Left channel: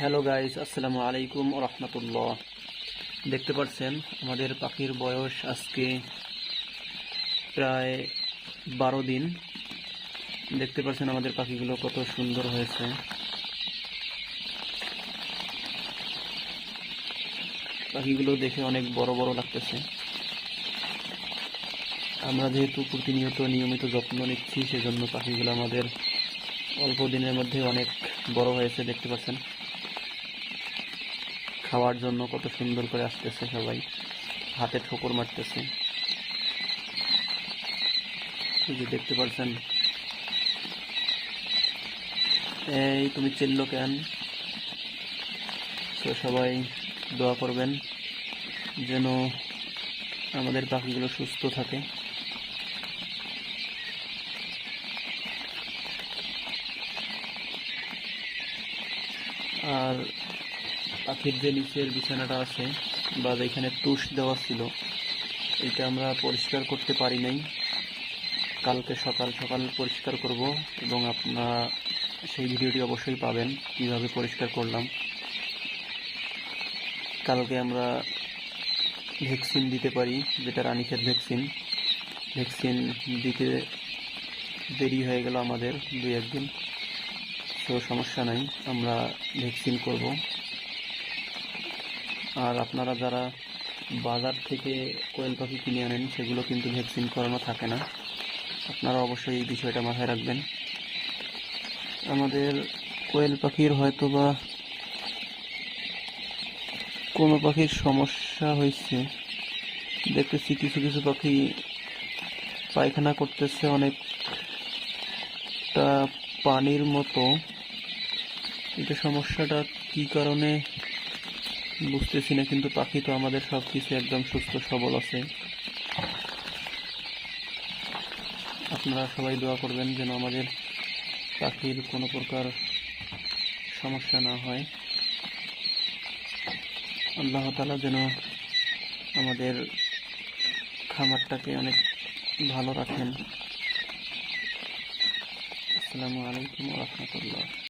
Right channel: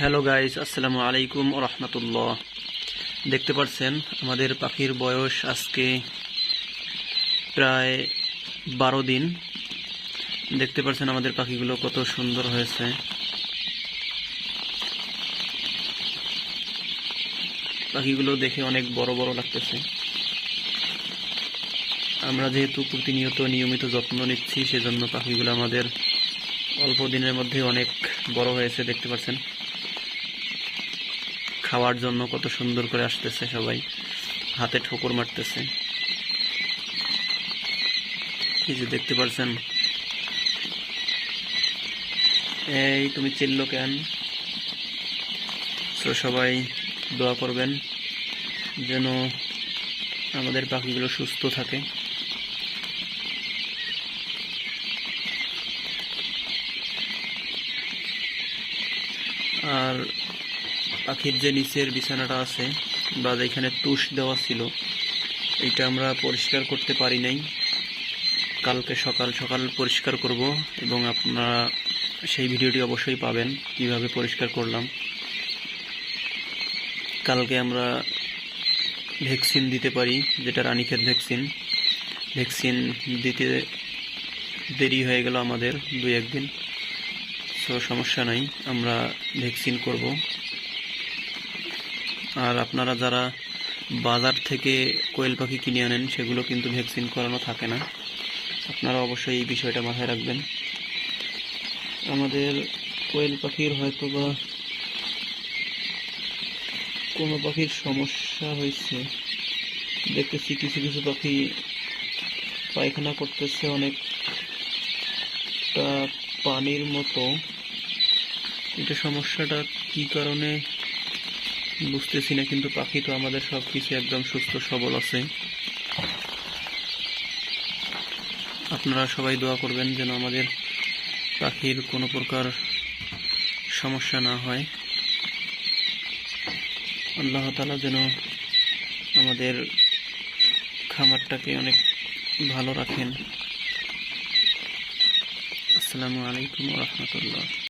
Hello guys, আসসালামু আলাইকুম ওয়া রাহমাতুল্লাহ। দেখতে পাচ্ছেন আমাদের পাখির বয়স আজকে প্রায় 12 দিন। দেখতে পাচ্ছেন আমাদের পাখিগুলো কত সুন্দর হয়েছে। পাখিগুলো দেখে অনেক বড় বড় লাগতেছে। আমরা যেহেতু প্রতিনিয়ত নিয়মিত যত্ন নিচ্ছি, সেজন্য পাখিগুলো আমাদের অল্প দিনের মধ্যে অনেক বড় হয়েছে। দেখতে পাচ্ছেন খাওয়ার জন্য কত সুন্দর করে আসতেছে, সবাই হাতে ঠোকর মারতেছে। এই যে দেখতে পাচ্ছেন, এই তুমি চিল্লো কেন? তো সবাই দোয়া করবেন যেন আমাদের পাখিগুলো সুস্থ থাকে। আর পাখির যে নিচের বিছানাটা আছে বা যেখানে তুষ দেওয়া ছিল, এটা আমরা পরিষ্কার করতে পারি নাই। কালকে সকাল সকাল পরিষ্কার করব এবং আপনারা সেই ভিডিওটি অবশ্যই পাবেন কিভাবে পরিষ্কার করলাম। কালকে আমরা ভ্যাকসিন দিতে পারি, যেটা রানীক্ষেত ভ্যাকসিন দিতে দেরি হয়ে গেল আমাদের 2-1 দিন। সো সমস্যা নাই, আমরা ভ্যাকসিন করব। আর আপনারা যারা বাজার থেকে কোয়েল পাখি কিনে আনেন, সেগুলো কিন্তু ভ্যাকসিন করানো থাকে না। আপনারা অবশ্যই এই বিষয়টা মাথায় রাখবেন। আমাদের কোয়েল পাখির হয়তো বা কোনো পাখির সমস্যা হয়েছে, দেখতেছি কিছু কিছু পাখি পায়খানা করতেছে অনেকটা পানির মতো। এটা সমস্যাটা কি কারণে বুঝতেছি না, কিন্তু পাখি তো আমাদের সব কিছু একদম সুস্থ সবল আছে। আপনারা সবাই দোয়া করবেন যেন আমাদের পাখির কোনো প্রকার সমস্যা না হয়। আল্লাহ তাআলা যেন আমাদের খামারটাকে অনেক ভালো রাখেন। আসসালামু আলাইকুম ওয়া রাহমাতুল্লাহ।